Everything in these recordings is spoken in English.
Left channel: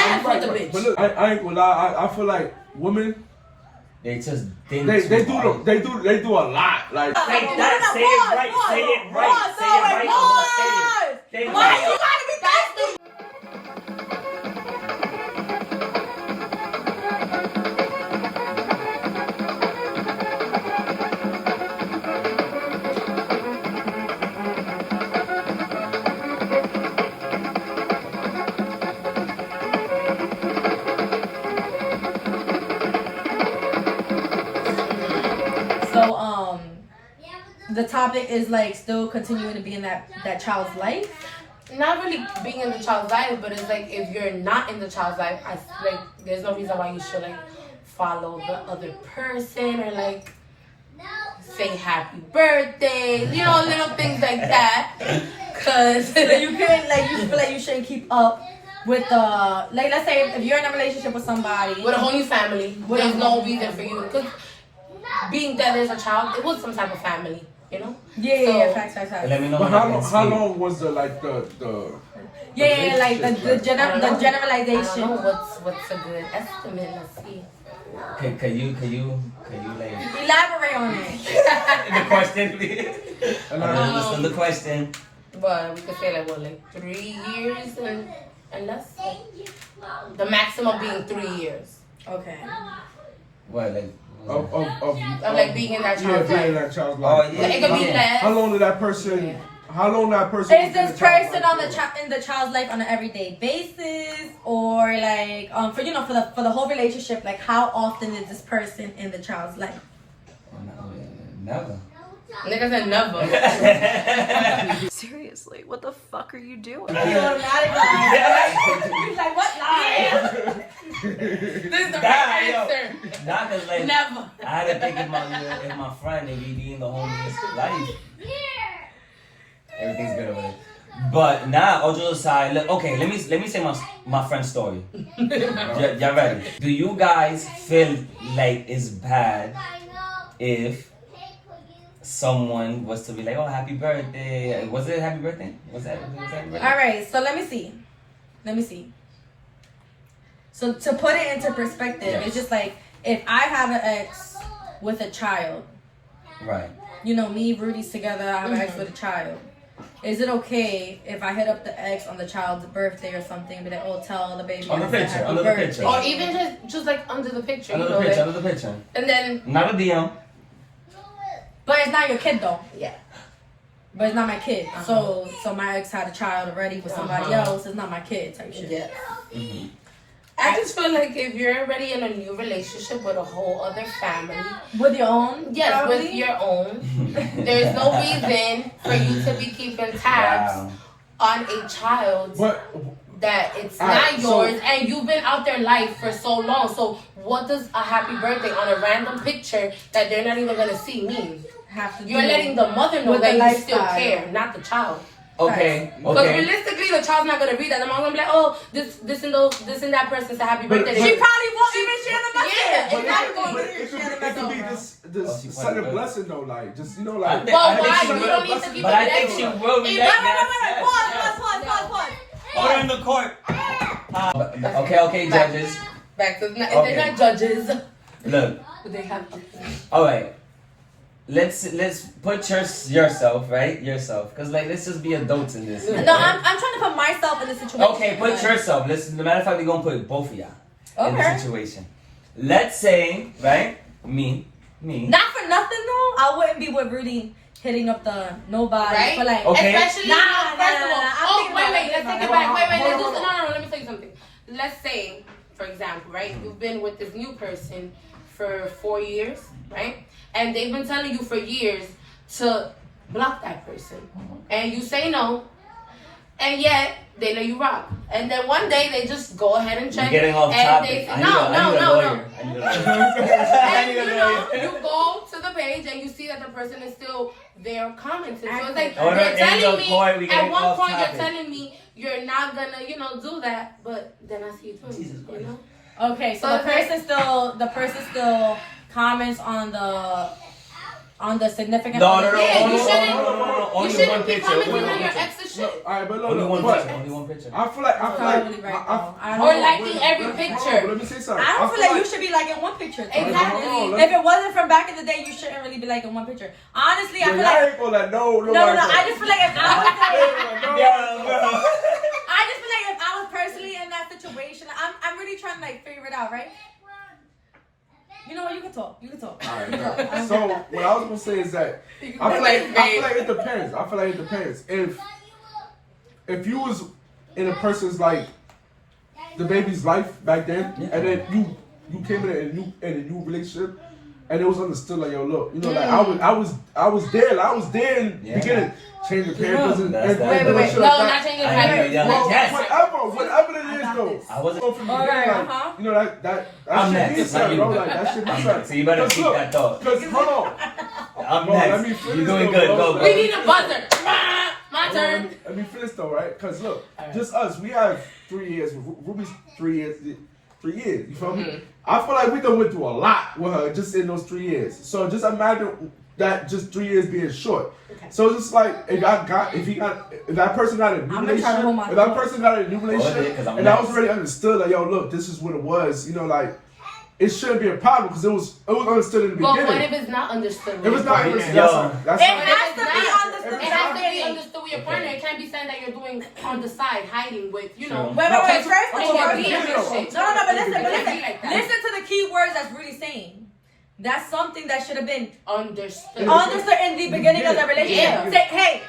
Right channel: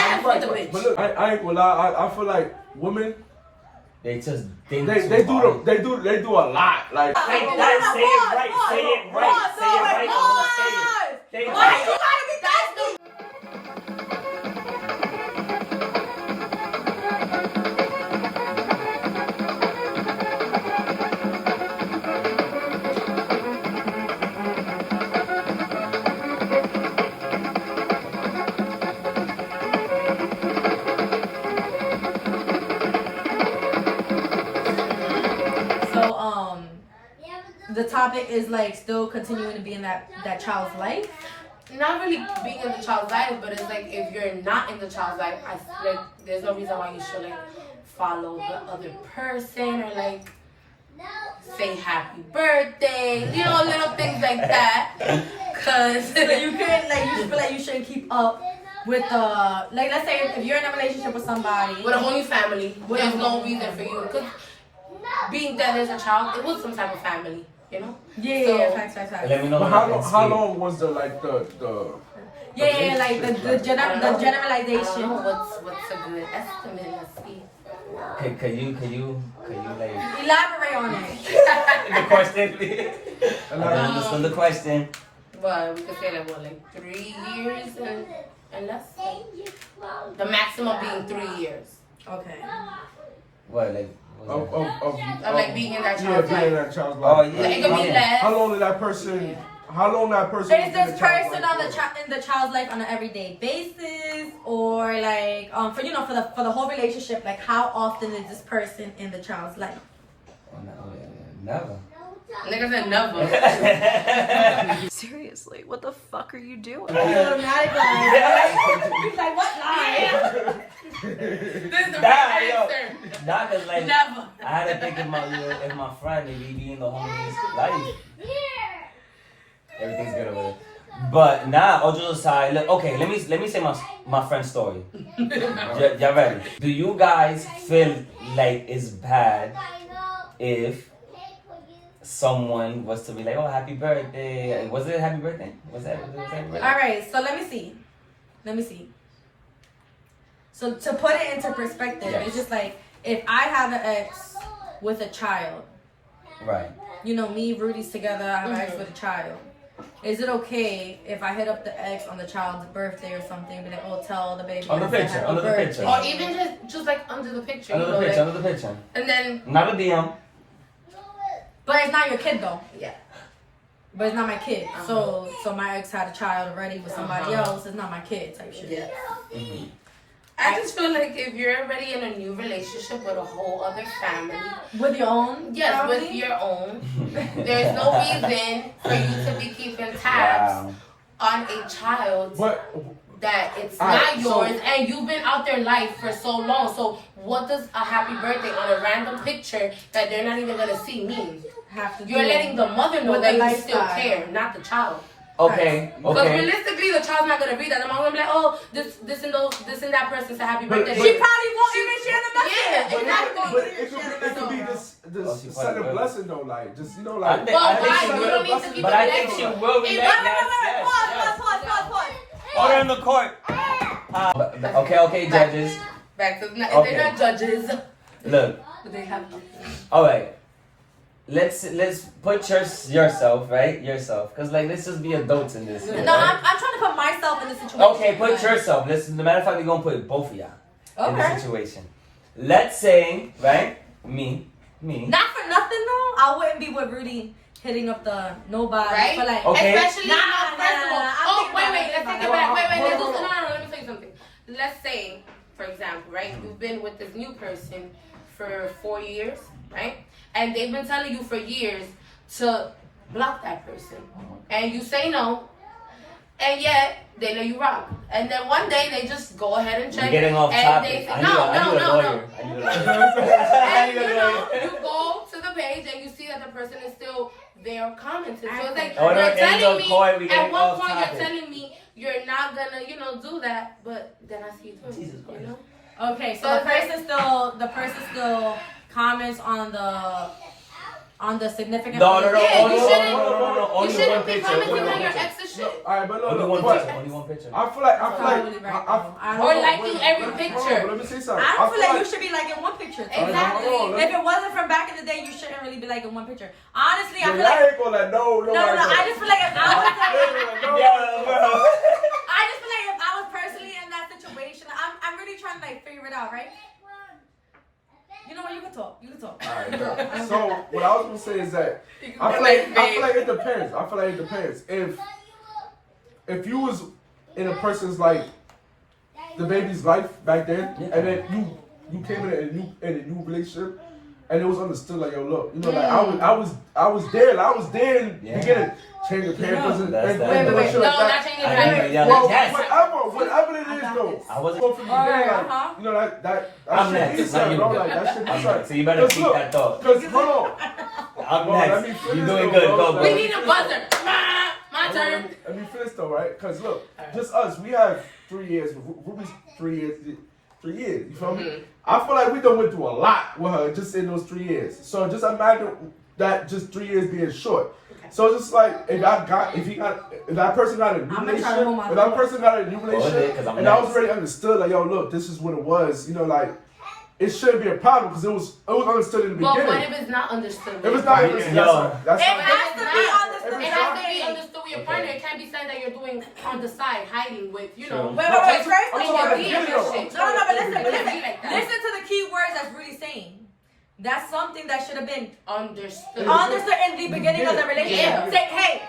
have with the bitch. But look, I ain't gonna lie. I feel like women. They do a lot. Like Say it right. Say it right. Why you gotta be that? The topic is like still continuing to be in that child's life. Not really being in the child's life, but it's like if you're not in the child's life, I like there's no reason why you should like follow the other person or like say happy birthday, you know, little things like that. Cause so you couldn't like you feel like you shouldn't keep up with the like let's say if you're in a relationship with somebody with a whole new family, there's no reason for you because being that there's a child, it was some type of family. You know? Yeah, facts. Let me know. How long was the like the the generalization. I don't know what's a good estimate. Let's see. Okay, can you like elaborate on it? the question, please? Understand the question. But we could say like 3 years and less. The maximum being 3 years. Okay. What like? Of like being in that child's life. Being in that child's life. Oh yeah. Like, it could be less. How long did that person? How long that person? Is this person in the child's life on an everyday basis, or like for the whole relationship? Like how often is this person in the child's life? Never. Nigga said never. Seriously, what the fuck are you doing? He's like, what lie? This is the right answer. Not cause like Never. I had to think if my friend and we be in the homeless life. Everything's good over there. But now, all jokes aside, okay, let me say my friend's story. Y'all ready? Do you guys feel like it's bad if someone was to be like, oh, happy birthday? Was it a happy birthday? Was that happy birthday? All right, so let me see. So to put it into perspective, yes. It's just like if I have an ex with a child, right? You know, me, Rudy's together. I have an ex with a child. Is it okay if I hit up the ex on the child's birthday or something, and be like, oh, tell the baby under the picture, or even just like under the picture, under the picture, and then not a DM. But it's not your kid though. Yeah. But it's not my kid. So my ex had a child already with somebody else. It's not my kid type shit. Yeah. Mm-hmm. I just feel like if you're already in a new relationship with a whole other family. With your own? Yes, family? with your own. There's no reason for you to be keeping tabs on a child that it's not yours and you've been out their life for so long. So what does a happy birthday on a random picture that they're not even going to see mean? You're letting the mother know that you still care, not the child. Okay. Because realistically, the child's not gonna read that. The mom gonna be like, "Oh, this and that person's a happy birthday." She probably won't even share the message. Yeah, exactly. It could be this sign of blessing though, like just like. Well, why? You don't need to keep it. But I think she will react. Pause. Order in the court. Okay, judges. Back to they're not judges. Look. But they have. All right. Let's put yourself, right? Yourself. Because, like, let's just be adults in this. No, right? I'm trying to put myself in the situation. Okay, put yourself. As a matter of fact, we're going to put both of y'all in the situation. Let's say, right? Me. Not for nothing, though. I wouldn't be with Rudy hitting up the nobody. Right? But like, okay. Especially, first of all. Oh, wait, let's take it back. Wait, no, let me tell you something. Let's say, for example, right? You've been with this new person for 4 years, right? And they've been telling you for years to block that person. And you say no. And yet, they let you rock. And then one day, they just go ahead and check. You're getting off topic. No. And you you go to the page and you see that the person is still there commenting. So it's like, you're telling me, at one point, you're telling me you're not gonna, do that. But then I see you doing it, you know? Okay, so the person still comments on on the significant No, other. Yeah, you shouldn't. no. Only You shouldn't one be picture. commenting Only on one your picture. ex's shit. Alright, but Only one but picture. Only one picture. I feel like Probably right, though. I Or don't, liking every picture. Let me say something. I don't feel like you should be liking one picture. Exactly. If it wasn't from back in the day, you shouldn't really be liking one picture. Honestly, I feel I like ain't gonna let no. no. I just feel like if I was like, Yeah, bro. I just feel like if I was personally in that situation, I'm really trying to like figure it out, right? You know what? You can talk. You can talk. Alright, so what I was gonna say is that I feel like it depends. I feel like it depends. If you was in a person's like the baby's life back then, and then you came in a new relationship, and it was understood like, yo, look, you know, like I was there in the beginning, changing Pampers and Wait. No, not changing the Pampers. Whatever it is though. I wasn't. You know that I'm shit next. means something, bro. Like that shit means I'm something. next. So you better keep that thought. Cause hold on. I'm Bro, let me next. finish You're doing though, good. bro. Go, We go. need a buzzer. My turn. Let me finish though, right? Cause look, just us, we have 3 years. Ruby's 3 years. 3 years. You feel me? I feel like we done went through a lot with her just in those 3 years. So just imagine that just 3 years being short. So it's just like if that person got a new relationship, and I was already understood like, yo, look, this is what it was. You know, like it shouldn't be a problem because it was understood in the But beginning. what if it's not understood? If it's not understood, that's It fine. has to be understood. It has to be understood with your partner. It can't be something that you're doing on the side, hiding with, you know. Wait. First of all, No, but listen to the key words that's really saying. That's something that should have been Understood. understood in the beginning of the relationship. Yeah. Say, hey,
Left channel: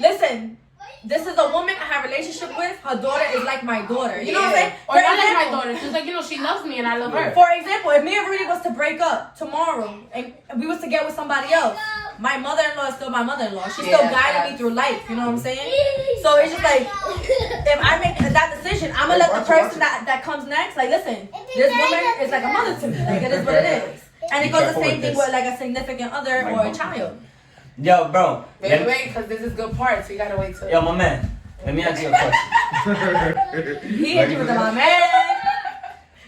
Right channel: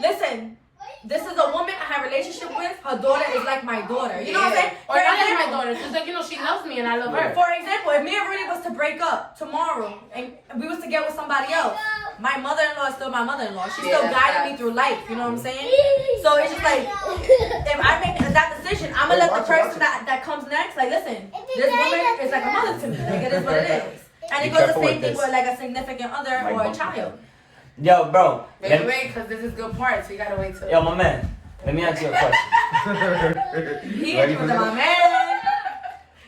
listen, this is a woman I have a relationship with. Her daughter is like my daughter. You know what I'm saying? Or not like my daughter. She's like, you know, she loves me and I love her. For example, if me and Rudy was to break up tomorrow and we was to get with somebody else, my mother-in-law is still my mother-in-law. She's still guiding me through life. You know what I'm saying? So it's just like, if I make that decision, I'm going to let the person that comes next, like, listen, this woman is like a mother to me. Like, it is what it is. And it goes the same thing with like a significant other or a child. Yo, bro. Wait, because this is good part, so you gotta wait till. Yo, my man. Let me ask you a question. He hit you with the my man.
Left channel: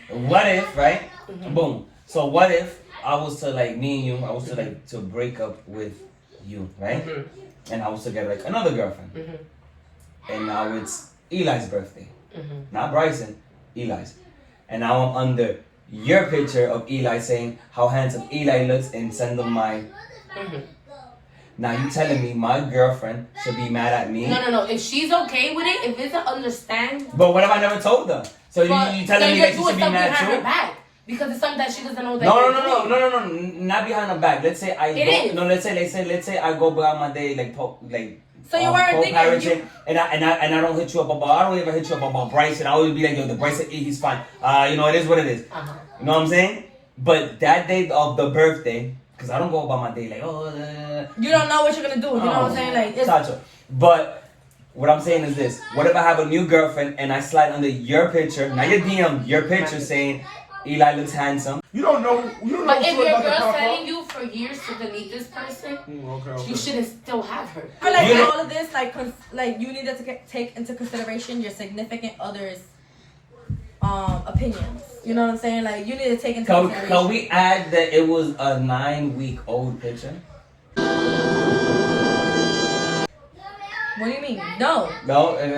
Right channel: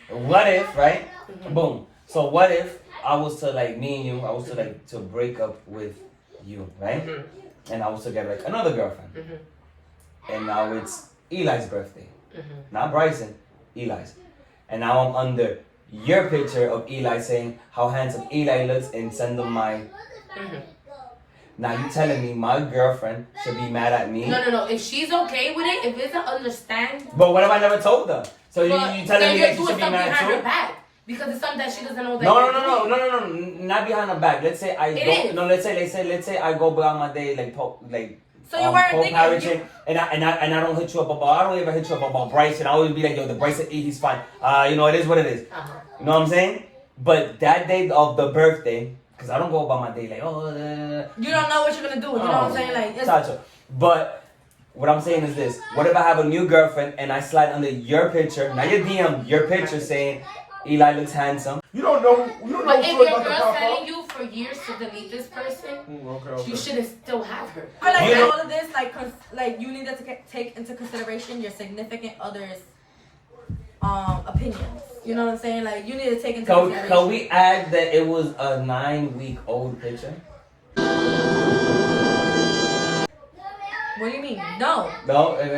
What if, right? Boom. So what if I was to like me and you, I was to like to break up with you, right? And I was to get like another girlfriend. And now it's Eli's birthday. Not Bryson, Eli's. And now I'm under your picture of Eli saying how handsome Eli looks and send them my. Now you telling me my girlfriend should be mad at me? No. If she's okay with it, if it's an understand. But what if I never told her? So you telling me that she should be mad behind too? her back because it's something that she doesn't know that. No, not behind her back. Let's say I go. is. No, let's say I go about my day like. So you weren't thinking. And I don't hit you up about. I don't ever hit you up about Bryson. I always be like, yo, the Bryson, he's fine. You know, it is what it is. You know what I'm saying? But that day of the birthday, because I don't go about my day like, You don't know what you're gonna do. You know what I'm saying? Like, it's. But what I'm saying is this: what if I have a new girlfriend and I slide under your picture, not your DM, your picture saying Eli looks handsome? You don't know. But if your girl's telling you for years to delete this person, okay. you shouldn't still have her. I feel like all of this, like you need to take into consideration your significant other's opinions. You know what I'm saying? Like you need to take into consideration. Can we add that it was a 9-week-old picture? What do you mean? No. No. You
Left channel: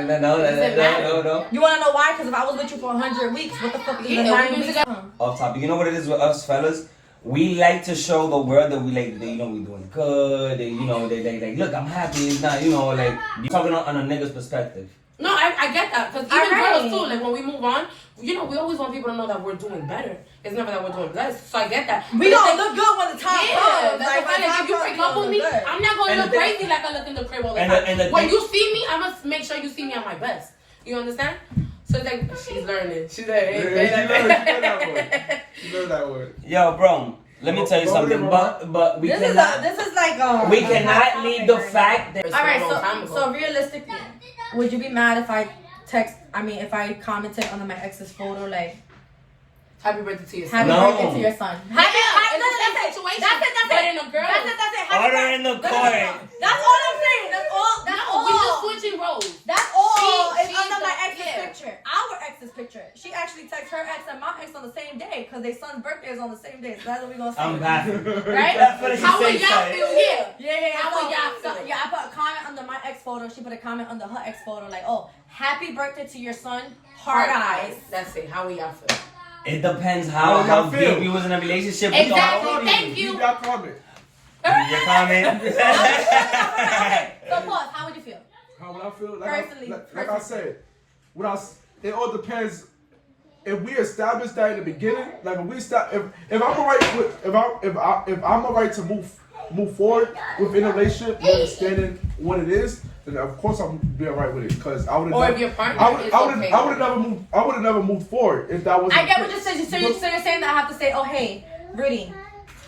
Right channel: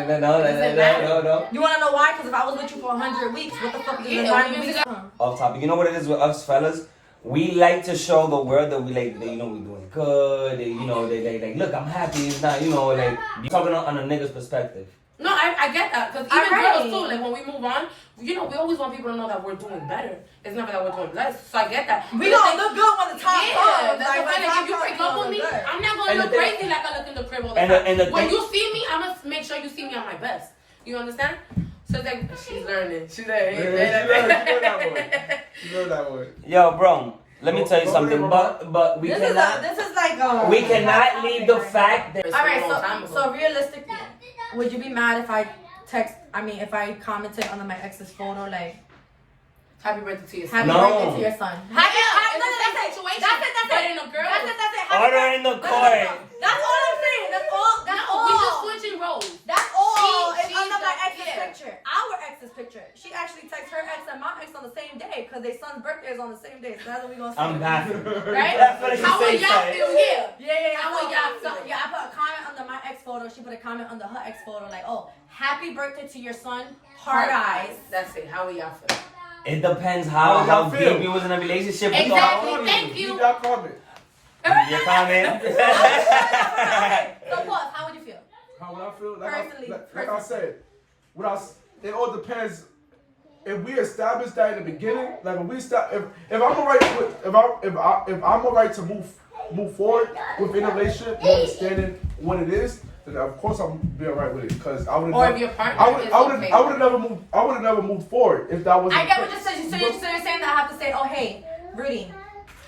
want to know why? Because if I was with you for 100 weeks, what the fuck is the 9 weeks? Off topic. You know what it is with us fellas? We like to show the world that we like, that, you know, we doing good. They, you know, they look, I'm happy. It's not, you know, like you talking on a nigga's perspective. No, I get that because even girls too. Like when we move on, you know, we always want people to know that we're doing better. It's never that we're doing less. So I get that. We gonna look good when the time comes. That's what I'm saying. If you break up with me, I'm not gonna look crazy like I look in the crib all the time. When you see me, I'm gonna make sure you see me at my best. You understand? So it's like she's learning. She's like, hey, you know that word. Yo, bro. Let me tell you something, but we this cannot. Is like we cannot leave the fact that. All right, so realistically, would you be mad if I if I commented on my ex's photo like, happy birthday to your son? Happy birthday to your son. Happy That's it. That's it. Order in the court. That's all I'm saying. That's all. We just switching roles. That's all it's she's under my the- ex's yeah. picture. Our ex's picture. She actually texted her ex and my ex on the same day because their son's birthday is on the same day. So that's what we gonna say. I'm baffled. Right? That's what How she would say, y'all son. feel? Yeah. Yeah. How would y'all So, feel? yeah, I put a comment under my ex photo. She put a comment under her ex photo, like, "Oh, happy birthday to your son, hard eyes." That's it. How would y'all feel? It depends How how y'all feel? deep you was in a relationship. Exactly. Thank you. Leave that comment. Your comment. So, pause. How would you feel? How would I feel? Personally, Like I said, it all depends. If we establish that in the beginning, like when we start, if I'm alright to move forward within a relationship, and understanding what it is, then of course I'm be alright with it. Because I would. Or if your partner is okay. I would have never moved forward if that was. I get what you're saying. So you're saying that I have to say, "Oh, hey, Rudy,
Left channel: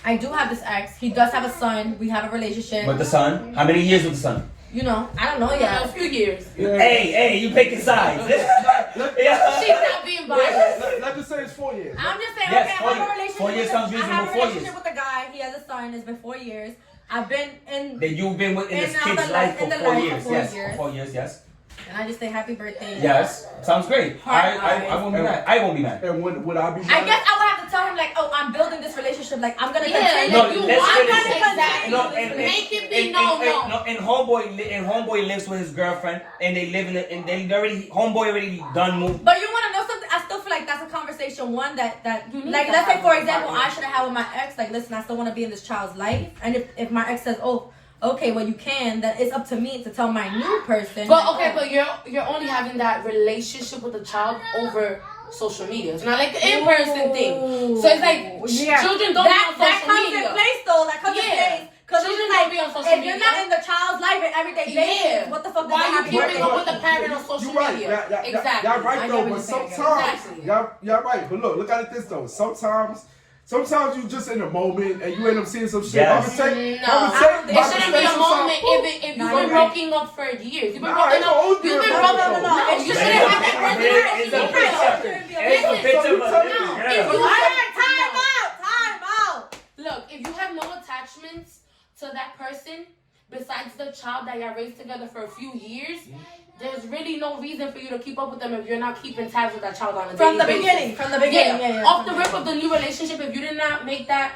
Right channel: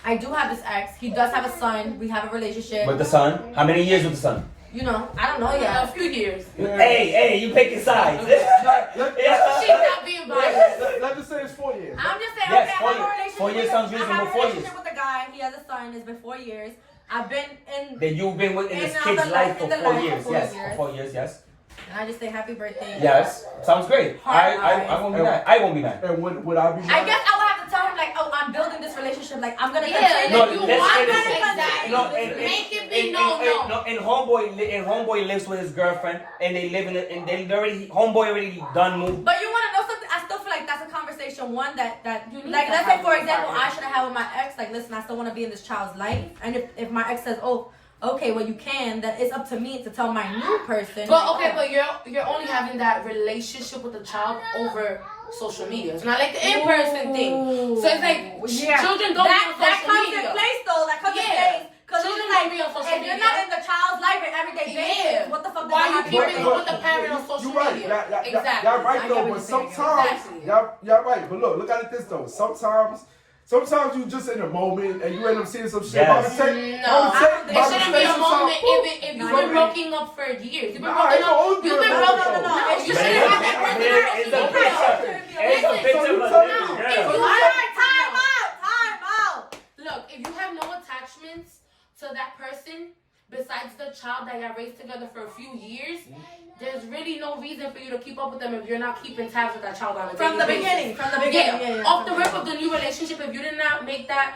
I do have this ex. He does have a son. We have a relationship." With the son? How many years with the son? You know, I don't know A yet. few years. Yeah. Hey, you picking sides. Yeah. She's not being biased. Let's just say it's 4 years. I'm just saying, Yes, okay, 4 I have a years. relationship. 4 years sounds I have reasonable, a 4 relationship years. with a guy. He has a son. It's been 4 years. I've been in, That you've been in this In kid's the life life- for in the 4 life for years. 4 Yes, years. for 4 years, yes. and I just say happy birthday. Yes, sounds great. Hard I won't be mad. I won't be mad. And would I be? I guess I would have to tell him like, oh, I'm building this relationship. Like I'm gonna Yeah, continue. No, like you let's want finish it. it. Exactly. No, Make it be no. And homeboy lives with his girlfriend, and they live in it, and they already homeboy already done moved. But you want to know something? I still feel like that's a conversation one that You need like to let's say have for with example somebody. I should have had with my ex. Like listen, I still want to be in this child's life, and if my ex says, oh, okay, well you can, then it's up to me to tell my new person. But okay, but you're only having that relationship with the child over social media. It's not like the in-person thing. So it's like children don't that be on social comes media. in place though. That comes in place. Because Children it's like, don't be on social if media. you're not in the child's life and everyday basis, what the fuck does Why that you have to do keeping with up it? with the parent on social You're right. media? Exactly. Y'all right I get though, what but you're saying. sometimes Exactly. y'all right. But look at it this though. Sometimes you just in a moment and you end up seeing some shit. Yes. No, it shouldn't be a moment if you've been broken up for years. You've been broken up. You've been broken up. No. You shouldn't have that It's a personality. picture. It's a picture of a living If girl. you Alright, time out. Look, if you have no attachments to that person besides the child that y'all raised together for a few years, there's really no reason for you to keep up with them if you're not keeping tabs with that child on a From the daily basis. beginning, Yeah. Off the rip of the new relationship, if you did not make that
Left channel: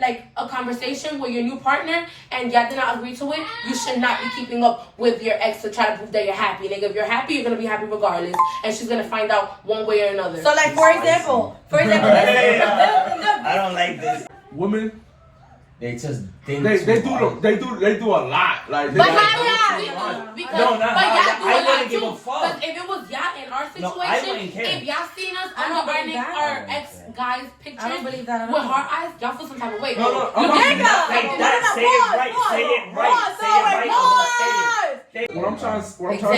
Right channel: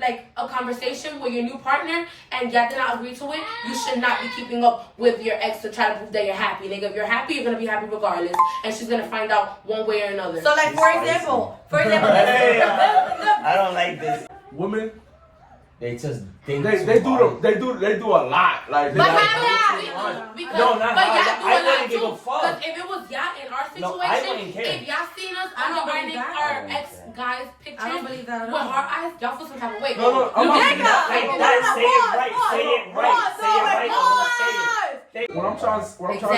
like a conversation with your new partner and y'all did not agree to it, you should not be keeping up with your ex to try to prove that you're happy. Nigga, if you're happy, you're gonna be happy regardless, and she's gonna find out one way or another. So like for example, Hey, I don't like this. Women, They just they do a lot. Like they But like, how because No, not but how. y'all do I a lot wouldn't give a too. fuck. 'Cause if it was y'all in our No, I situation, wouldn't care. if y'all seen us I on don't believe that. our I don't ex care. guys pictures I don't believe that at with all. our eyes, y'all feel some type of way. No, Look, I'm not- Nigga, Like that, say it right, say it right, say it right. what I'm trying to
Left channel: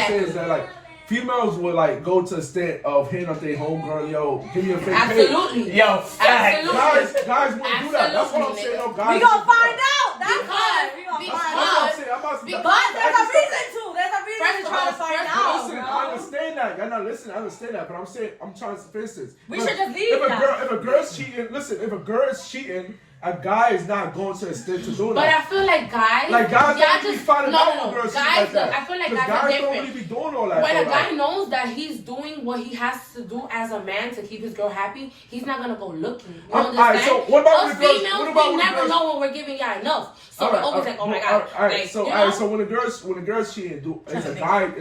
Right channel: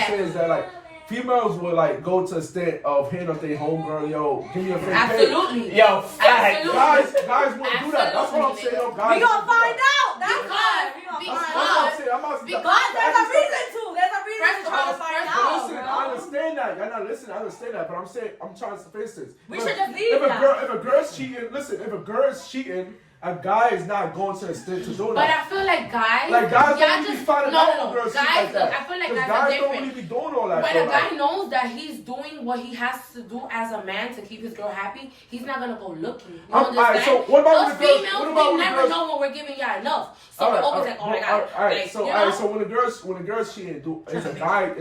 say is that like females would like go to the extent of hitting up their homegirl, yo, give me a fake page. absolutely. Yo, fact. Absolutely. Guys wouldn't do that. That's what I'm saying. Yo, guys We gonna wouldn't do find that. out. That's why. We gonna Because- find That's what I'm out. saying. I'm about to. Because But there's a reason to. There's a reason First to of try all, to find first of all, out. Listen, I understand that. Y'all not listening. I understand that, but I'm saying, I'm trying to, for instance, We look, should just leave if a that. girl, if a girl's cheating, listen, if a girl is cheating, a guy is not going to the extent to do But I that. feel like guys, Like guys y'all don't really be just finding no, out no, when girls guys. cheat like that. I feel like 'Cause guys are guys don't different. really be doing all that. When though, a guy like- knows that he's doing what he has to do as a man to keep his girl happy, he's not gonna go looking. You Alright, understand? so what about Us when the girls- females, what about we when the never girls- know when we're giving y'all enough. So we're always like, oh my god. Alright, Like, so you know? so when the girls cheating, is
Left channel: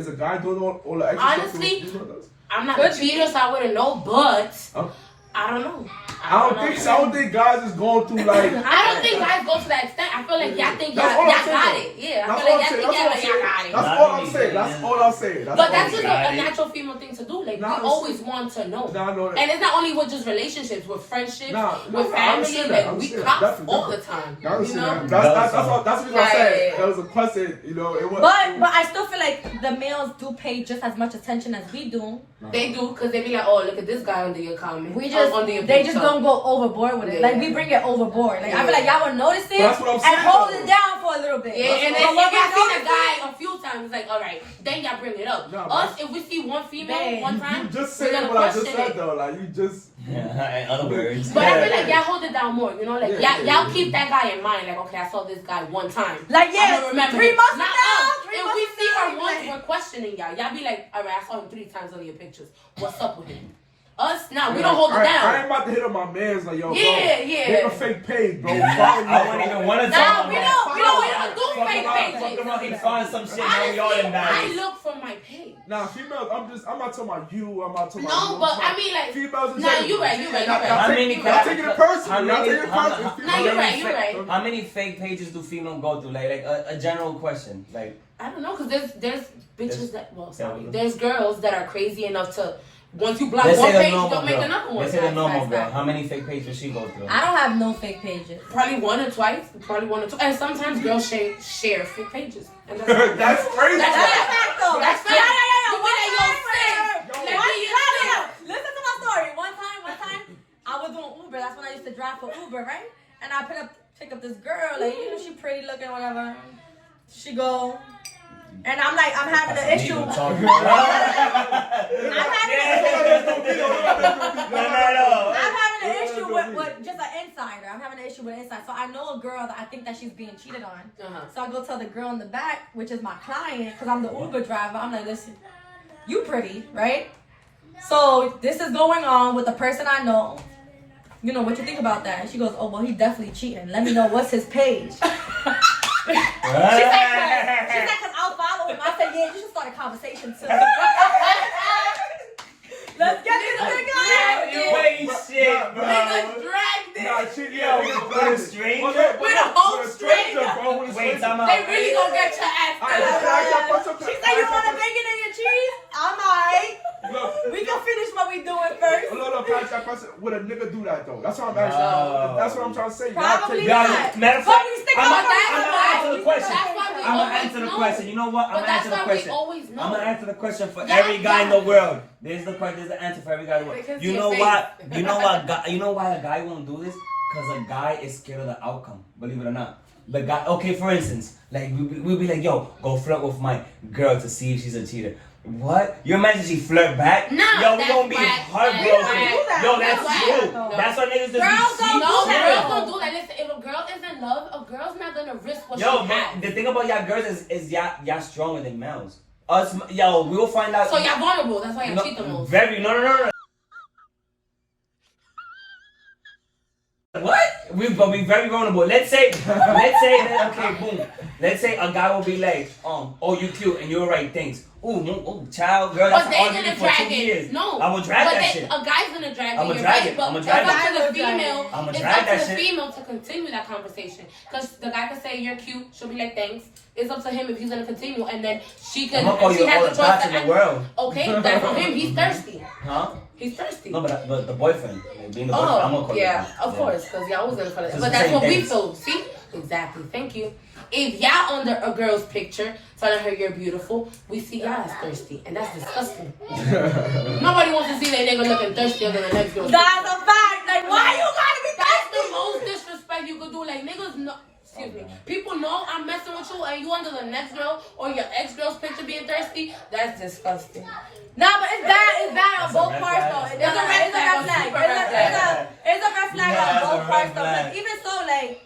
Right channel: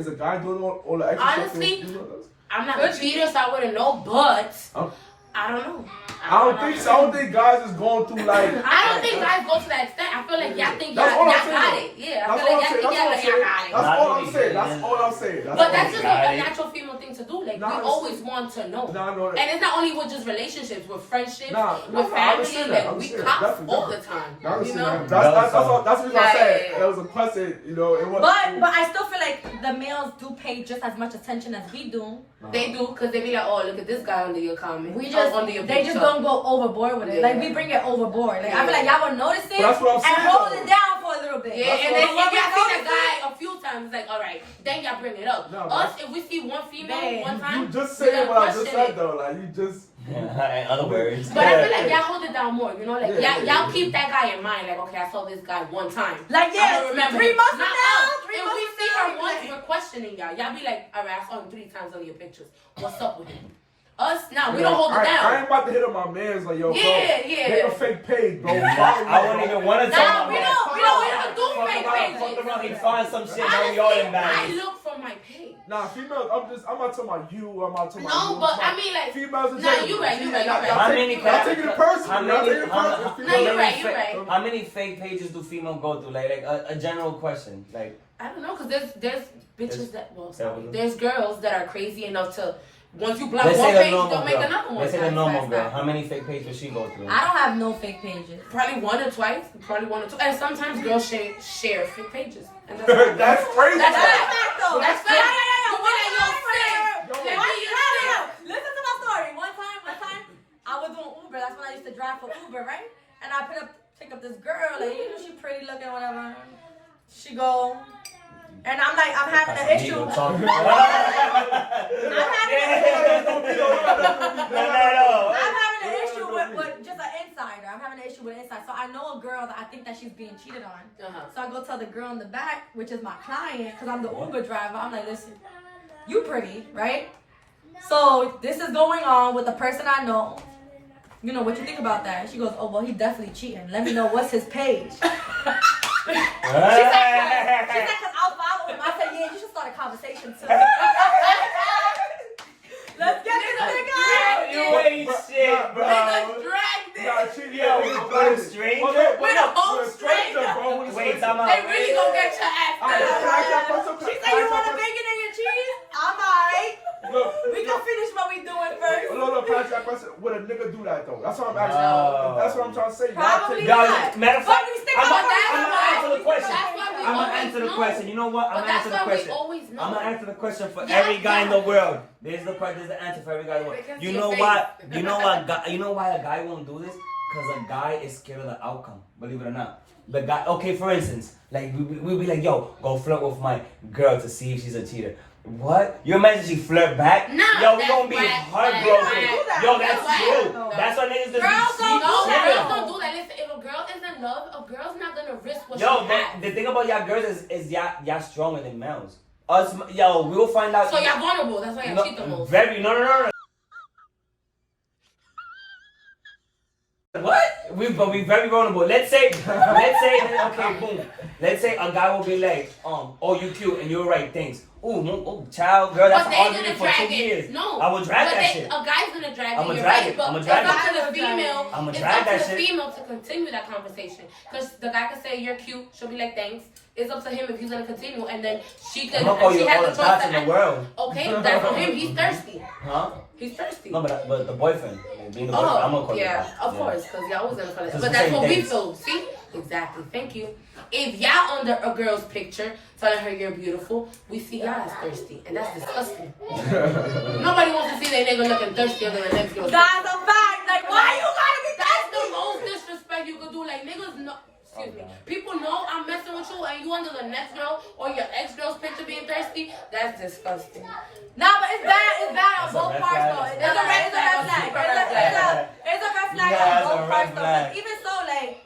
a guy doing all the extra Honestly, stuff? You know that? I'm not a cheater, so I wouldn't know, but Oh. I don't know. I don't think so. I don't think guys is going through like. I don't think guys go to that extent. I feel like y'all think y'all That's all I'm got saying. it. Yeah, I That's feel all like I'm y'all saying. think y'all got it. That's all I'm saying. That's all I'm saying. But all that's I'm just saying. a natural female thing to do. Like Nah, we always want to know. Nah, I know that. And it's not only with just relationships, with friendships, Nah, with I family. understand that. I Like we understand cops that. all the Definitely. time. I understand You know? that. That's what I said. Yeah. It was a question, you know. It was. But I still feel like the males do pay just as much attention as we do. They do because they be like, oh, look at this guy under your comment. We Oh, just under your they just picture. don't go overboard with it. Yeah. Like we bring it overboard. Like I feel like y'all would notice it That's what I'm and saying, hold though. it down for a little bit. Yeah, and then if y'all see the guy a few times, like, all right, then y'all bring it up. No, Us, if we see one female one time, you just we're saying gonna what I just question said it. though. Like you just. In other words. But I feel like y'all hold it down more, you know, like Yeah, y'all keep that guy in mind, like, okay, I saw this guy one time. Like, I'm yeah, gonna remember 3 him. months from Not now, us. 3 If months we from see now, her once, like- we're questioning y'all. Y'all be like, all right, I saw him 3 times on your pictures. What's up with him? Us, now we Yeah, don't hold it I down. ain't about to hit on my man's like, yo, Yeah, bro, yeah. make a fake page, bro. I wouldn't even want to Nah, talk we about don't do Fuck fake around, pages. fuck around, he find some shit, now we all I embarrassed. look for my page. Nah, females, I'm not talking about you. I'm not talking about you. No, but I mean, like, females. nah, you right, you right, you right. How many Y'all taking it personal. how Y'all many- taking it how- personal. how- No, you're how right, many you're fa- right. How many fake pages do females go through? Like a general question. Like, I don't know, cause there's bitches that, well, sorry, Tell me. there's girls that are crazy enough to, once you block let's one say the page, normal don't make girl. another one. Let's say the normal Facts, girl. facts. How many fake pages does she go through? I don't have no fake pages. Probably 1 or twice, and sometimes girls share fake pages. And that's fine. That's crazy. That's That's fact. fact though. That's Yeah, fact. yeah, yeah. You be like, yo, friend, Yo, let One me time, listen to my story. One time, I was doing Uber. That's when I used to drive for Uber, right? And I pick up this girl, like, you know, she pretty looking, whatever. She go, and I'm like, I'm having an issue. I'm having an issue with just an insider. I'm having an issue with an insider. So I know a girl that I think that she's being cheated on. Uh-huh. So I go tell the girl in the back, which is my client, because I'm the Uber driver. I'm like, listen, you pretty, right? So this is going on with the person I know. You know, what you think about that? And she goes, oh, well, he definitely cheating. Let me know what's his page. She's like, because I'll follow him. I said, yeah, you should start a conversation too. Let's get this nigga. You ain't shit, bro. Niggas dragged it. Nah, shit, Yo, with a stranger? With a whole stranger. bro. With a Wait, stranger. time out. They really gonna get your ass. She said, you want a bacon and your cheese? I'm alright. Look, We can finish what we doing first. look, can I ask that question? Would a nigga do that though? That's what I'm asking. No. That's what I'm trying to say. Probably Y'all not. Matter of But fact, you stick I'm out gonna answer the question. That's why we I'm gonna always answer the know. question. You know what? I'm But gonna that's answer the why we question. always know. I'm gonna answer the question for Yeah, every guy in the yeah. world. There's the question. There's the answer for every guy in the world. Because You your know face. why? You know why? You know why a guy won't do this? Because a guy is scared of the outcome. Believe it or not. The guy. Okay, for instance, like we'll be like, yo, go flirt with my girl to see if she's a cheater. What? You imagine she flirt back? No, Yo, we that's gonna be whack. heartbroken. We don't do that. Yo, That's that's whack. true. No. That's why niggas just Girls be don't No, do cheating. girls don't do that. Listen, if a girl is in love, a girl's not gonna risk what Yo, she man, has. the thing about y'all girls is y'all stronger than males. Us, yo, we will find out. So y'all vulnerable. That's why y'all cheat the most. Very, no. What? But we very vulnerable. Let's say, okay, boom. Let's say a guy will be like, oh, you cute, and you're right, thanks. Ooh, child, girl, But that's they all gonna for 2 drag years. it. No. I will drag But that they, shit. A guy's gonna drag I'ma it. You're drag right. it. But I'ma it's drag up it. to the female. I'ma It's drag up that to the shit. female to continue that conversation. Because the guy can say you're cute. She'll be like thanks. It's up to him if he's gonna continue, and then she can. I'm gonna call she you has all the the choice thoughts to in the end- world. Okay, then for him, he's thirsty. Huh? He's thirsty. No, but the boyfriend, like, being the boyfriend, I'm gonna Oh, call you yeah, that. of course, because y'all always gonna call it. It's But the that's same what we things. feel. See? Exactly. Thank you. If y'all under a girl's picture telling her you're beautiful, we see y'all as thirsty, and that's disgusting. Nobody wants to see their nigga looking thirstier than the next girl. That's a fact. Like, why you gotta be That's the thirsty? most disrespect you could do. Like niggas know. Excuse me. People know I'm messing with you, and you under the next girl or your ex girl's picture being thirsty. That's disgusting. Nah, but it's bad on That's a both red parts flag. though. It's a red flag. It's a red flag Yeah, on it's a both red parts though. flag. But even so, like,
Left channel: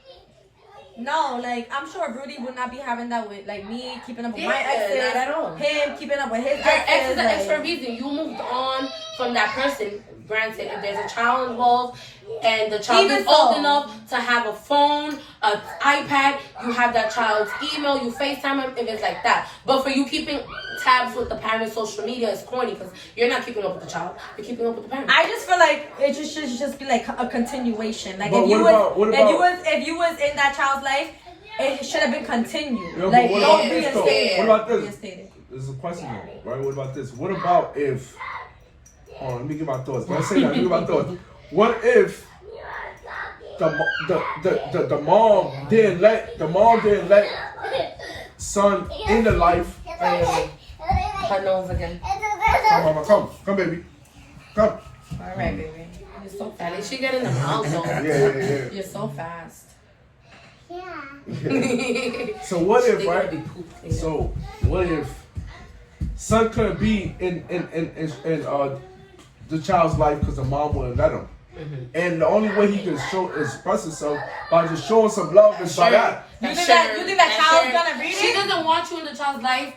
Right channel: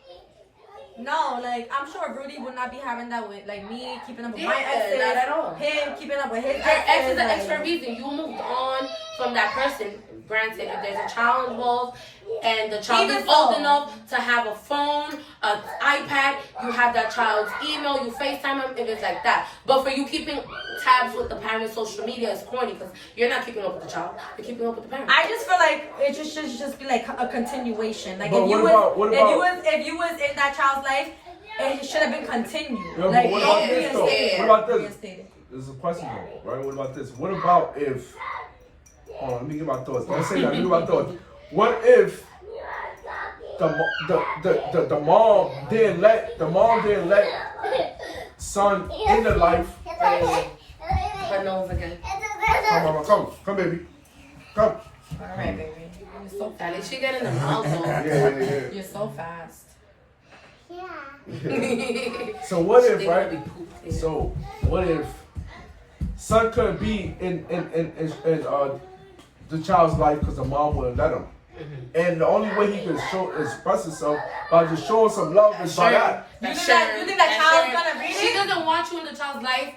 no, like I'm sure Rudy would not be having that with like me keeping up with my Yeah, exes, not at all. him keeping up with his Your ex exes. is an ex for a like, reason. You moved on from that person. Granted, if there's a child involved and the child Even is old so. enough to have a phone, an iPad, you have that child's email, you FaceTime him if it's like that. But for you keeping tabs with the parents' social media is corny because you're not keeping up with the child. You're keeping up with the parents. I just feel like it should just be like a continuation. Like But if you what about- if you was in that child's life, it should have been continued. Yo, but like what don't about this, though? reinstate it. What about this? Reinstate it. This is a question though, right? What about this? What about if? Hold on, let me get my thoughts. Don't say that. Give my thoughts. What if the mom didn't let son in the life? Her nose again. Come, mama, come, baby, come. All right, baby. You're so At least fast. she get in the mouth though. Yeah. You're so fast. So what if, right? So what if son couldn't be in the child's life because the mom wouldn't let him? And the only way he can express himself by just showing some love is by that. You think that child's gonna read it? She doesn't want you in the child's life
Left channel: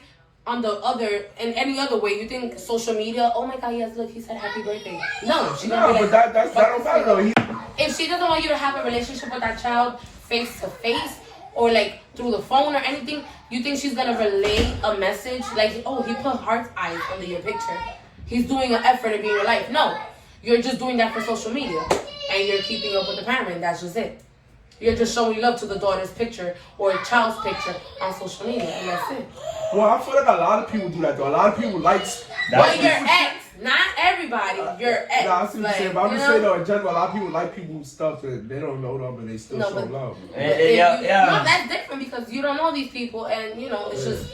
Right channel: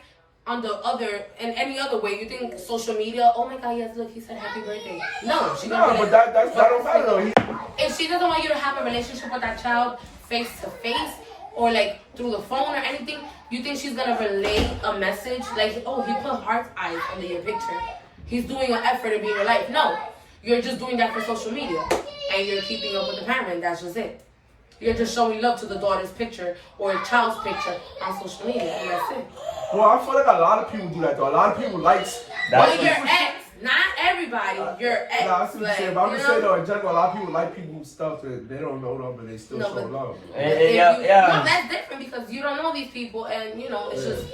in any other way. You think social media, oh my god, yes, look, he said happy birthday. No, she No, but that don't matter though. If she doesn't want you to have a relationship with that child face to face or like through the phone or anything, you think she's gonna relay a message like, oh, he put heart eyes under your picture. He's doing an effort to be in your life. No, you're just doing that for social media and you're keeping up with the parent. That's just it. You're just showing love to the daughter's picture or a child's picture on social media, and that's it. Well, I feel like a lot of people do that though. A lot of people like. But your ex, not everybody. Your ex. Nah, I see what you're saying, but I'm just saying though, in general, a lot of people like people's stuff that they don't know them and they still show love. No, that's different because you don't know these people, and it's just.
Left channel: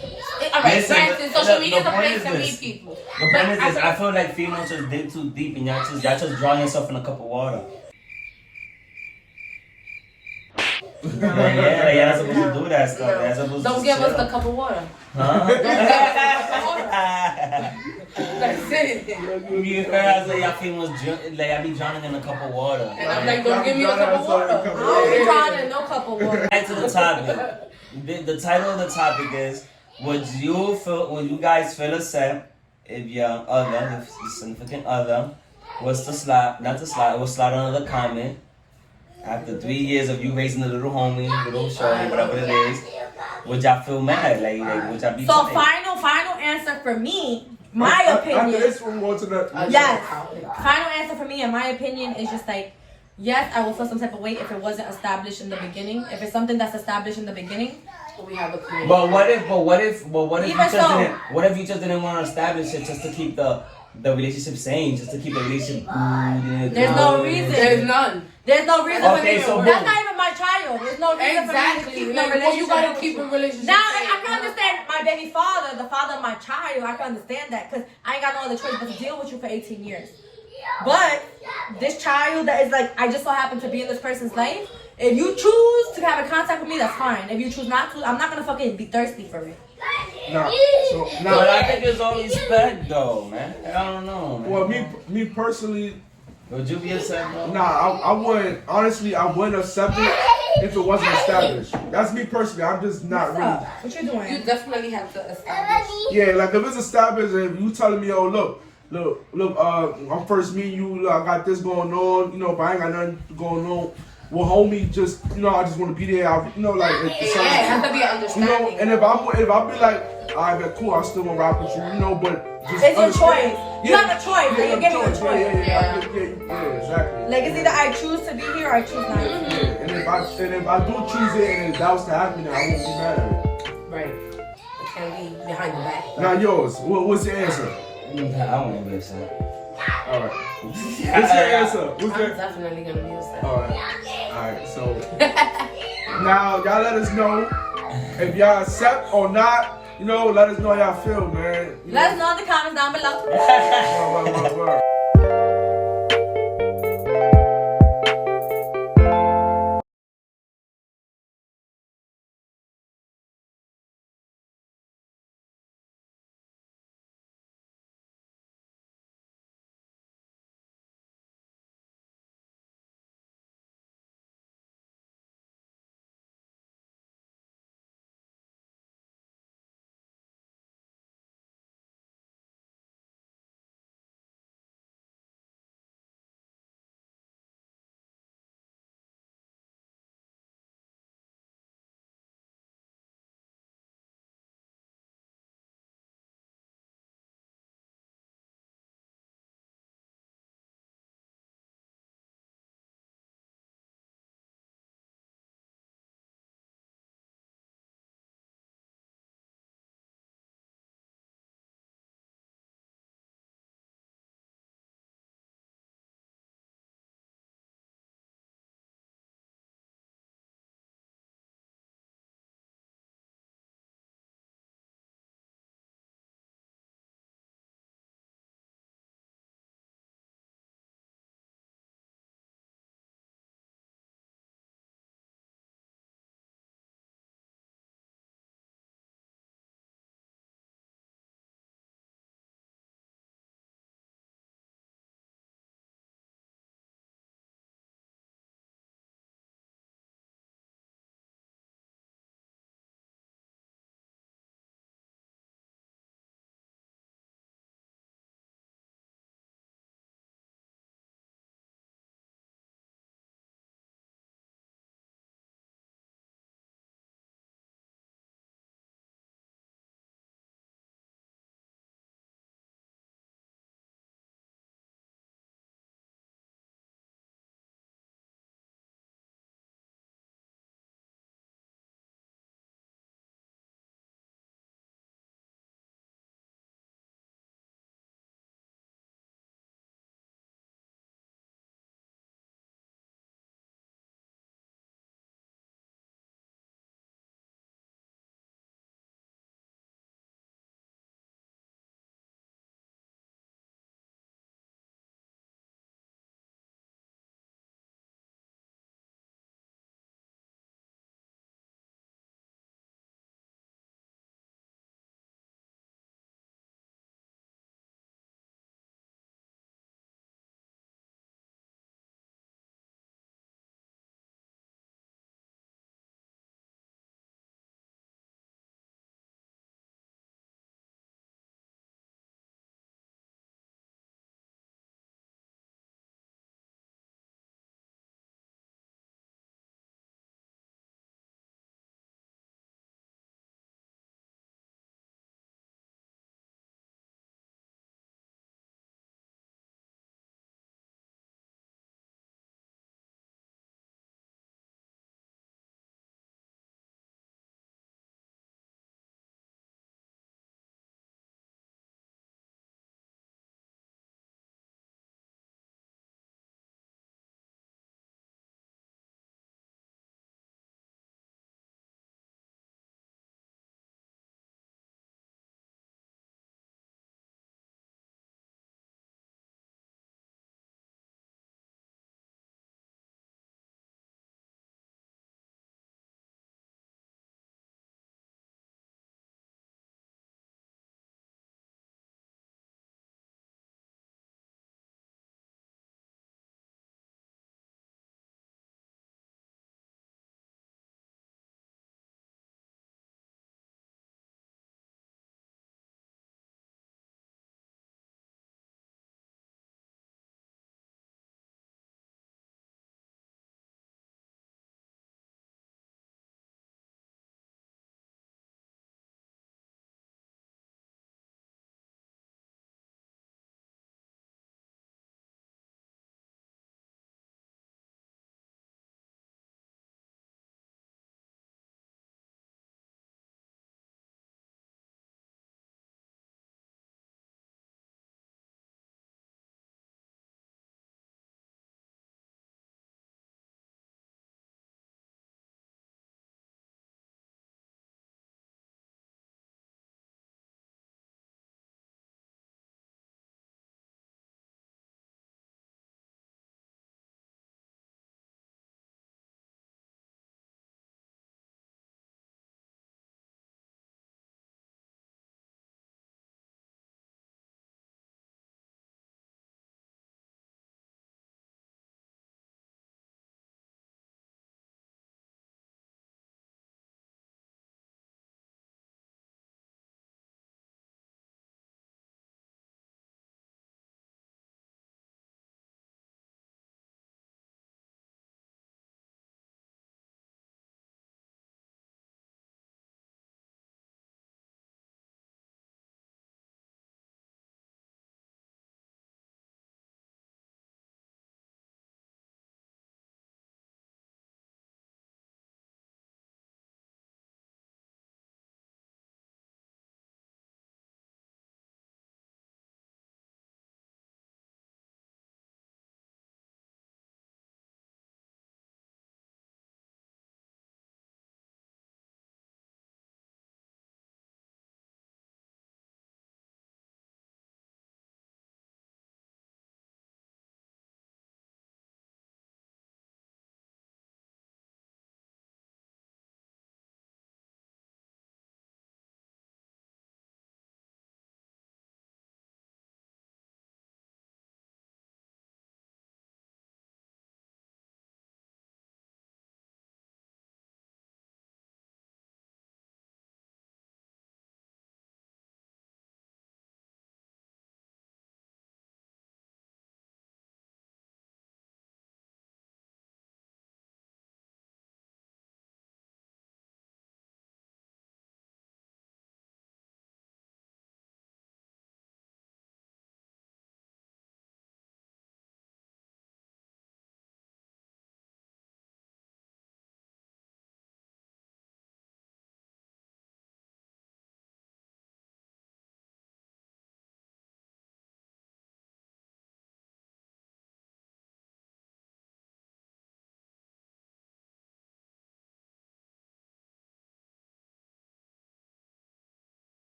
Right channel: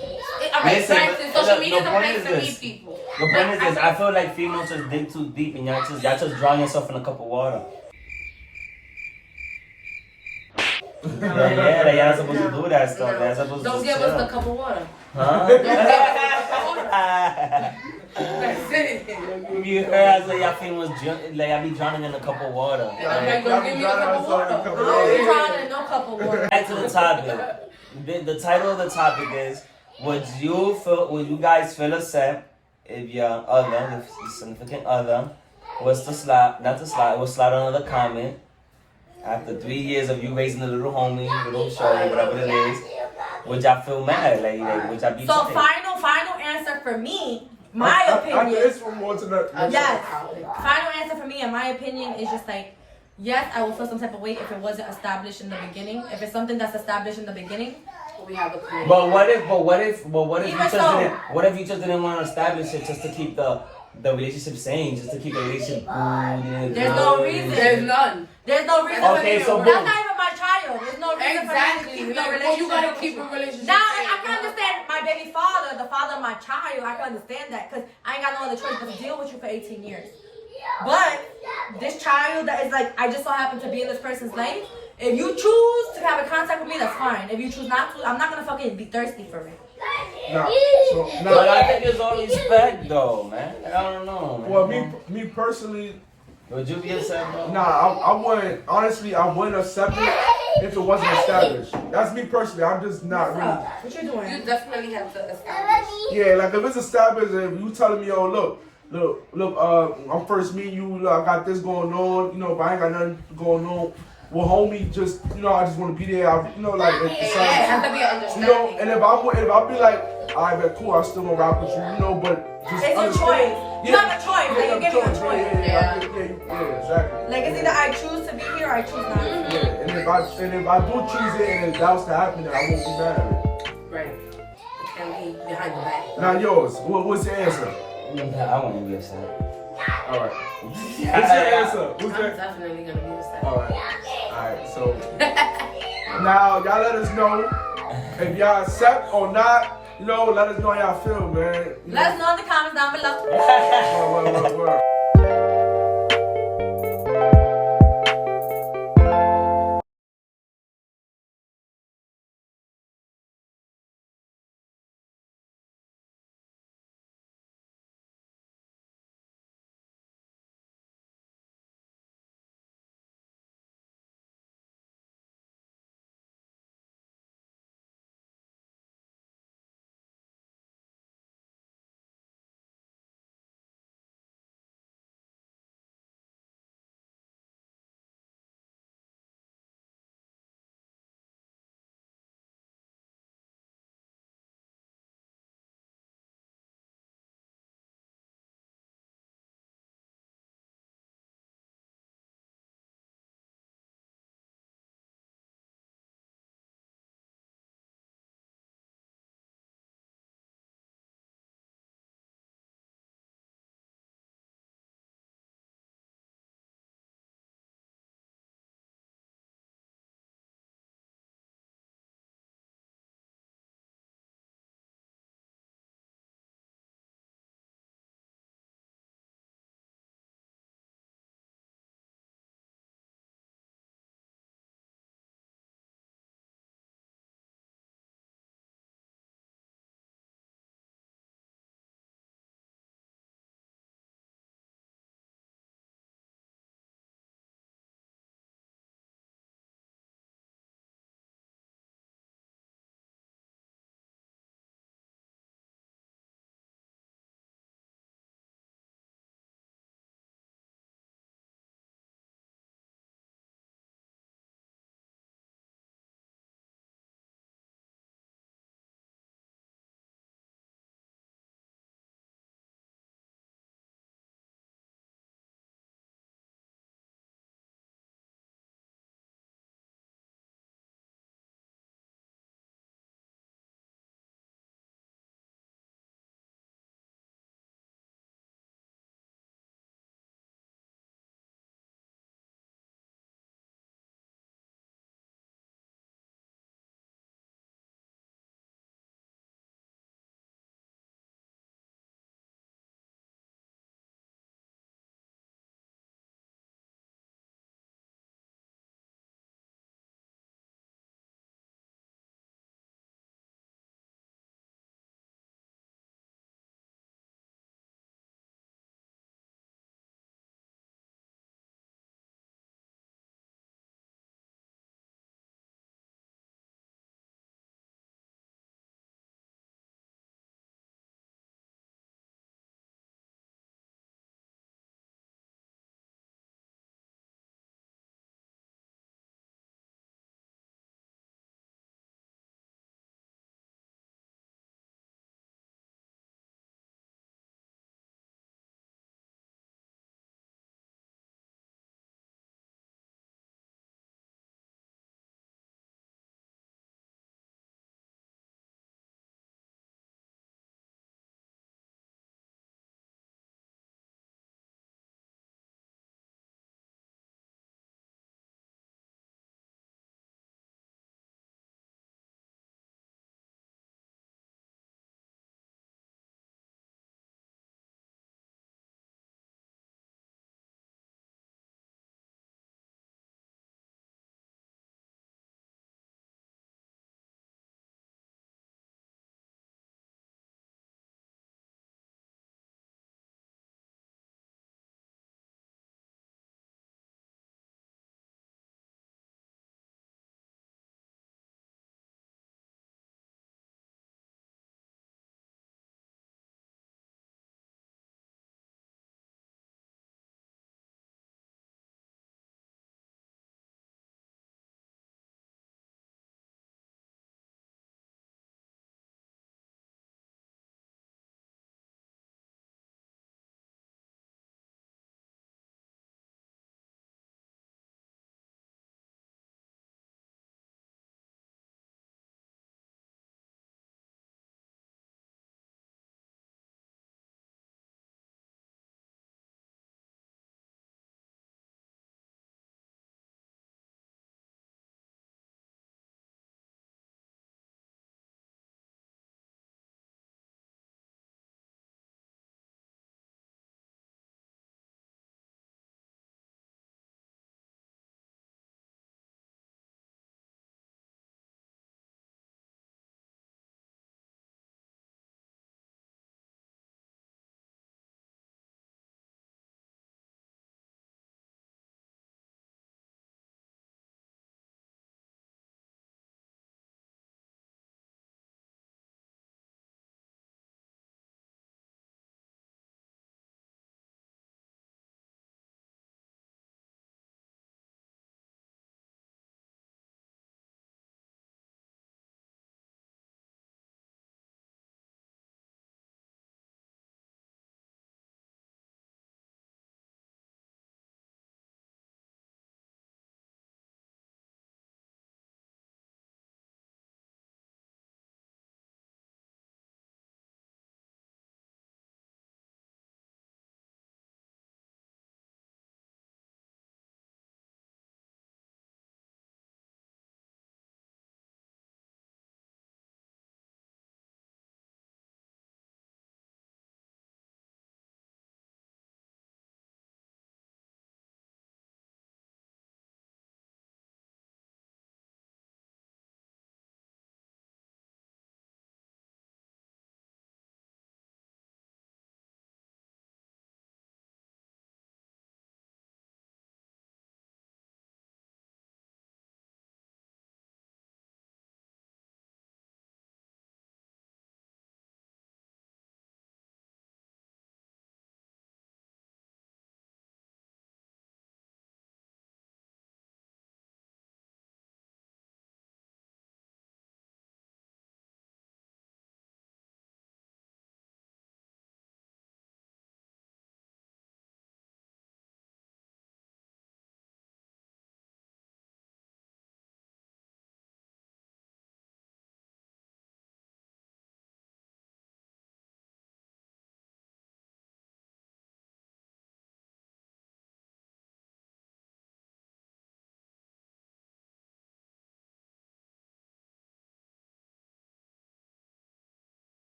Social media is a place to meet people. The point is this: I feel like females just dig too deep, and y'all just drawing yourself in a cup of water. Yeah, y'all supposed to do that stuff. Y'all supposed Don't to give us the cup of water. Huh? That's it. You heard I said y'all females like I be drowning in a cup of water. And I'm like, don't give me a cup of water. I don't be drowning in no cup of water. Back to the topic. The title of the topic is: would you guys feel upset if your significant other was to slide under the comment after 3 years of you raising a little homie, little shorty, whatever it is? Would y'all feel mad? Like would y'all be So tight? final answer for me, my opinion. This one going to the Yes. Final answer for me, in my opinion, is just like, yes, I will feel some type of weight if it wasn't established in the beginning. If it's something that's established in the beginning. We have a community. But what if you just didn't want to establish it just to keep the relationship sane, just to keep the relationship cool? There's no reason. There's none. There's no reason Okay, for me. so That's not even my child. There's no reason for me to keep no relationship. You gotta keep a relationship. Now, I can understand my baby father, the father of my child. I can understand that because I ain't got no other choice but to deal with you for 18 years. But this child that is like, I just so happen to be in this person's life. If you choose to have a contact with me, that's fine. If you choose not to, I'm not gonna fucking be thirsty for it. No. But I think there's all respect though, man. I don't know, man. Well, me personally, would you be upset, bro? Nah, I wouldn't. Honestly, I wouldn't accept it if it wasn't established. That's me personally. I'm just not really. What you doing? You definitely have to establish. Yeah, like if it's established and you telling me, oh look, I'm first meeting you. Look, I got this going on. But I ain't got nothing going on. Well, homie, just I just want to be there. It has to be an understanding. And if I be like, alright, but cool, I still gonna rock with you, but just it's your choice. You have a choice. Like you're giving a choice. Yeah, exactly. Like it's either I choose to be here or I choose not to. Yeah, and if I do choose it and if that was to happen, then I won't be mad at it. Right. It can be behind your back. Now yours. What's your answer? I wouldn't be upset. All right. What's your answer? I'm definitely gonna be upset. All right. So now y'all let us know if y'all accept or not. Let us know how y'all feel, man. Let us know in the comments down below. Word.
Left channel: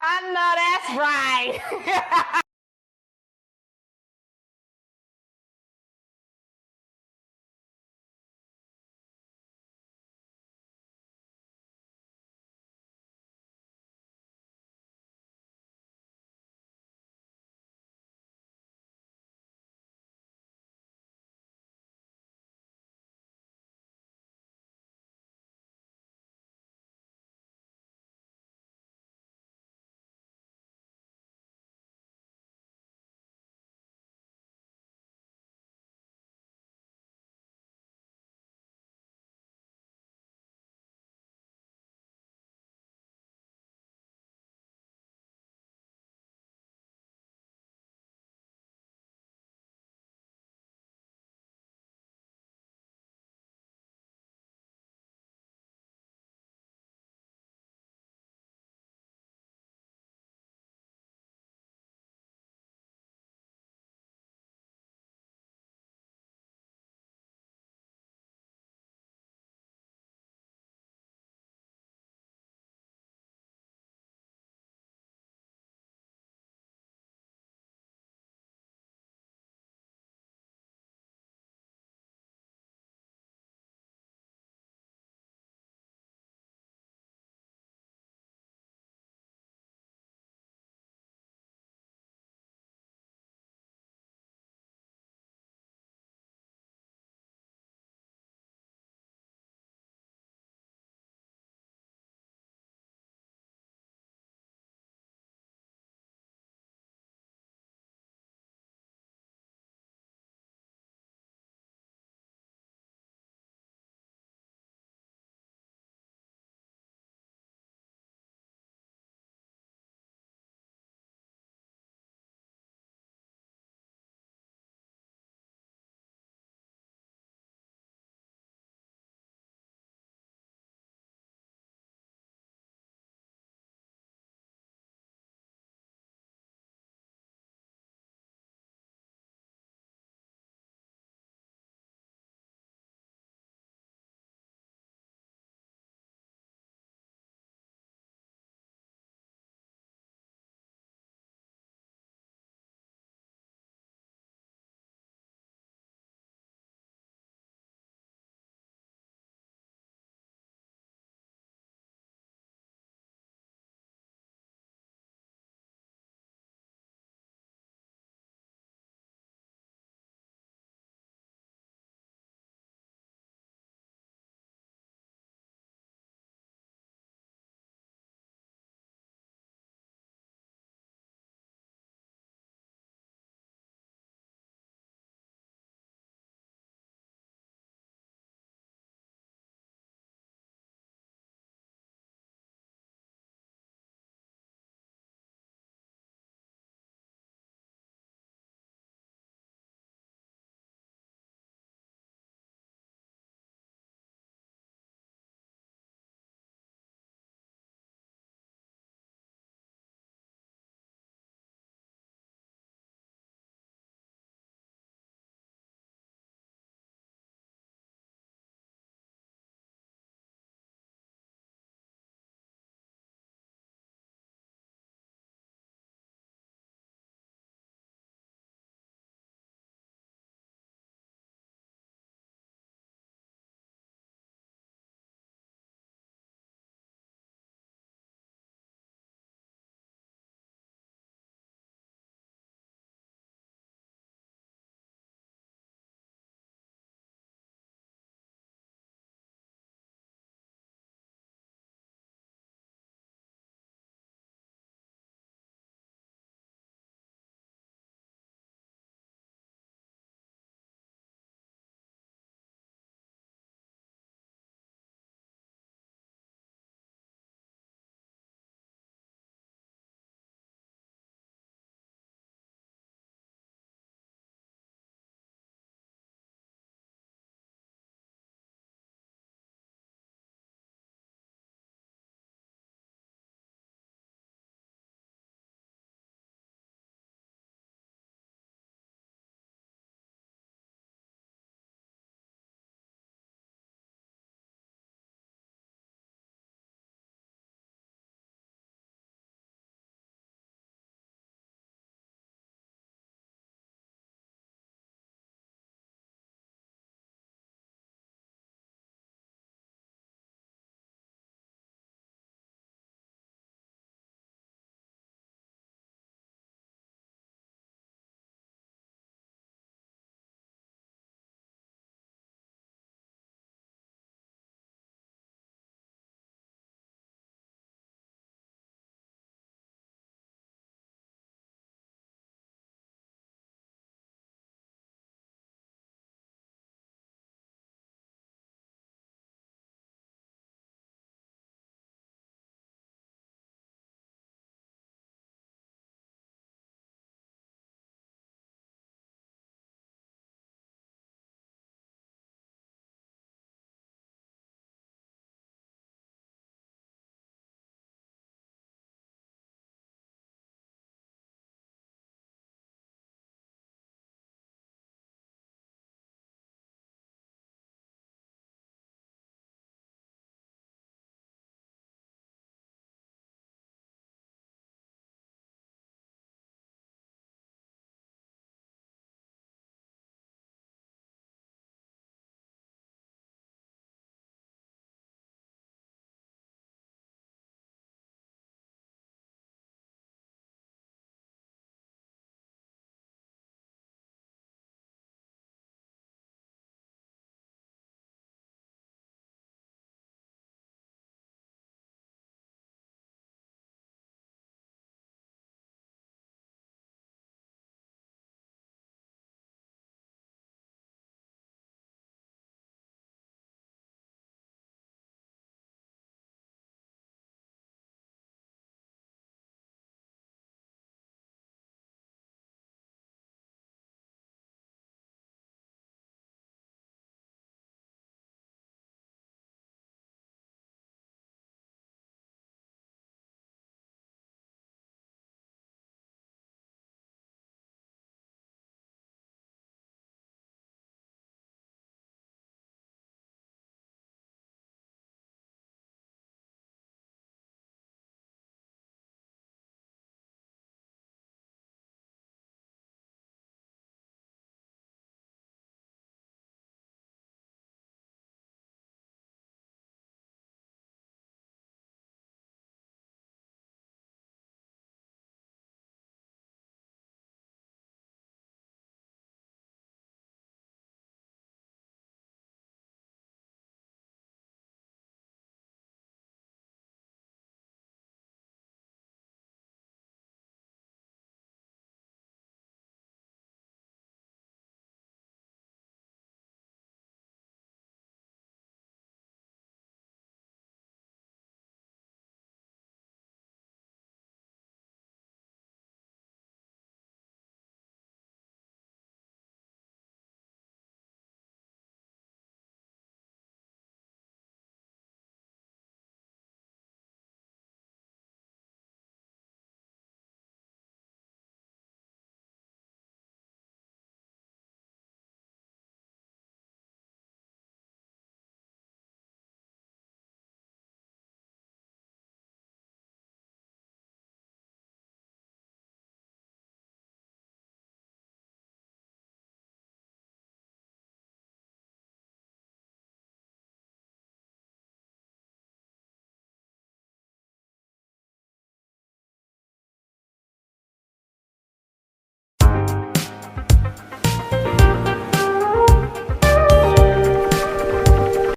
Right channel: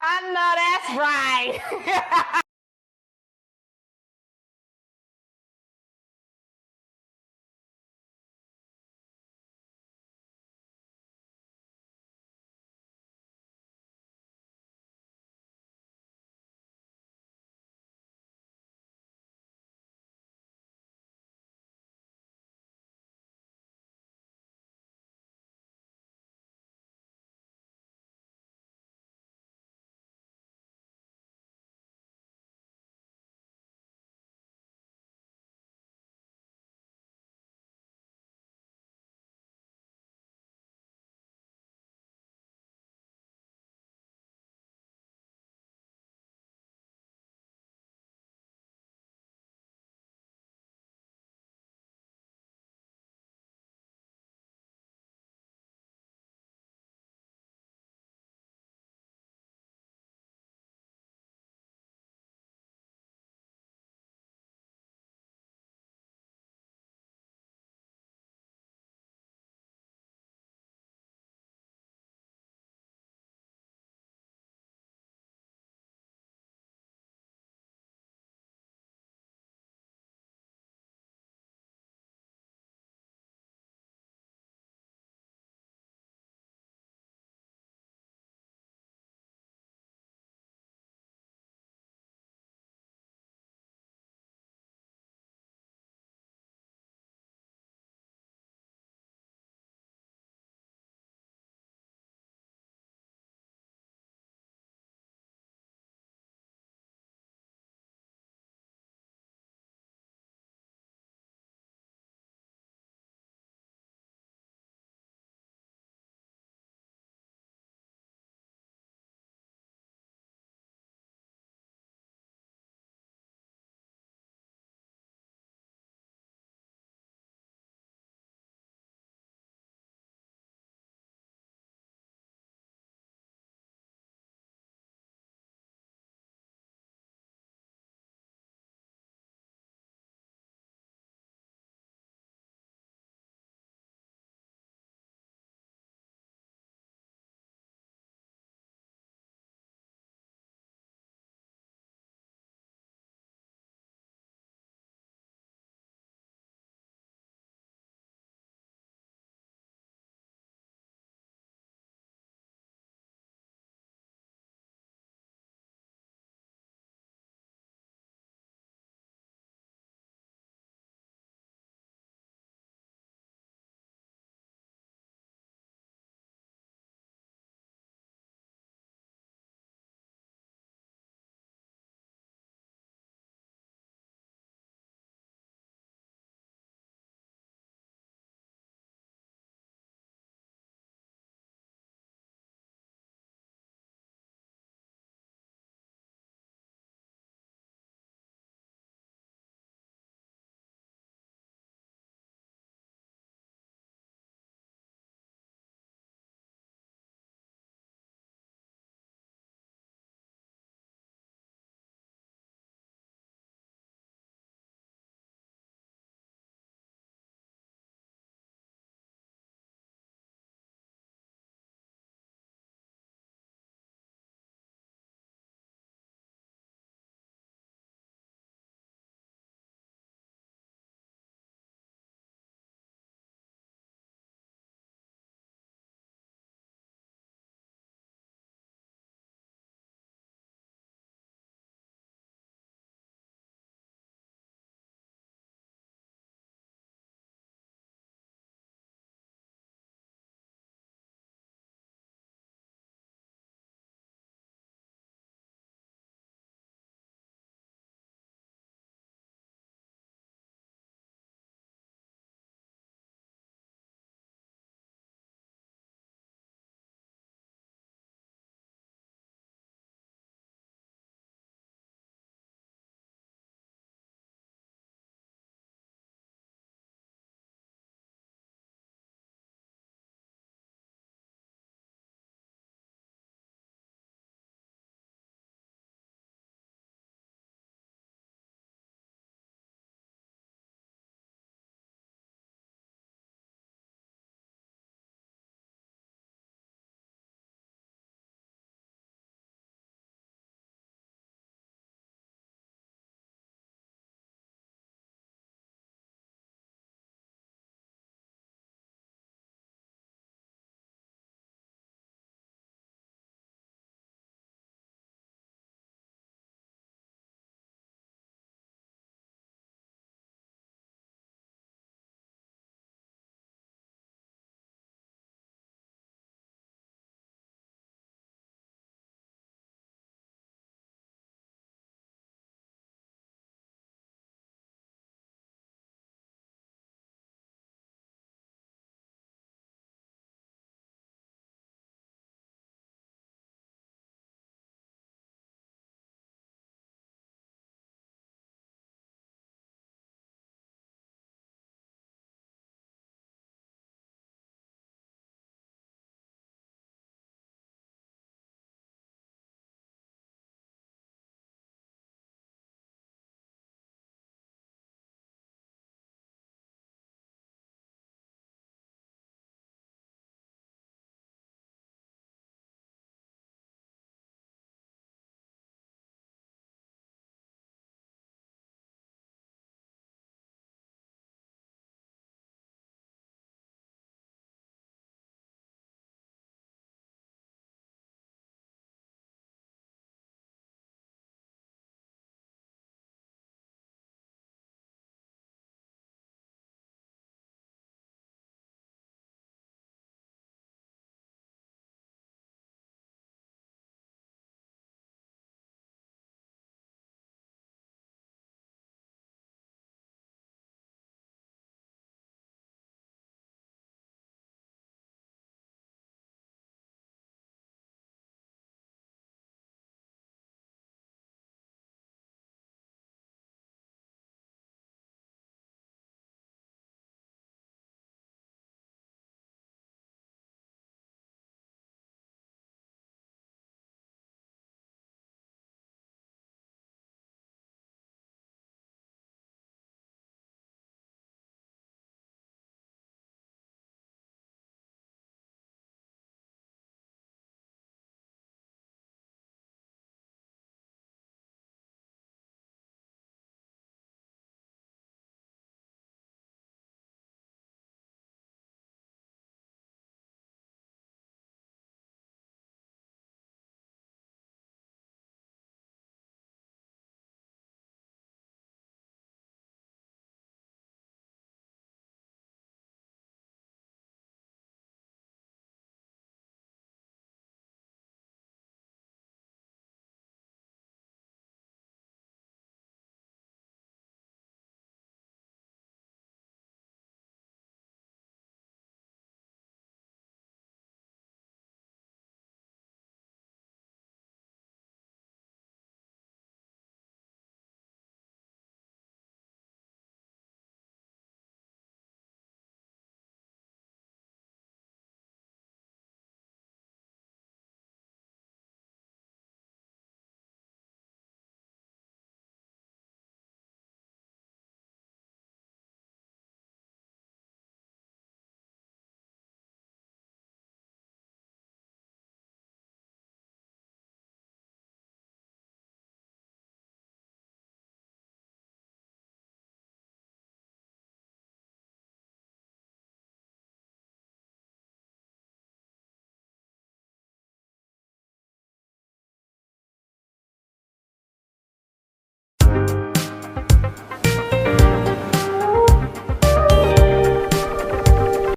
I know that's right.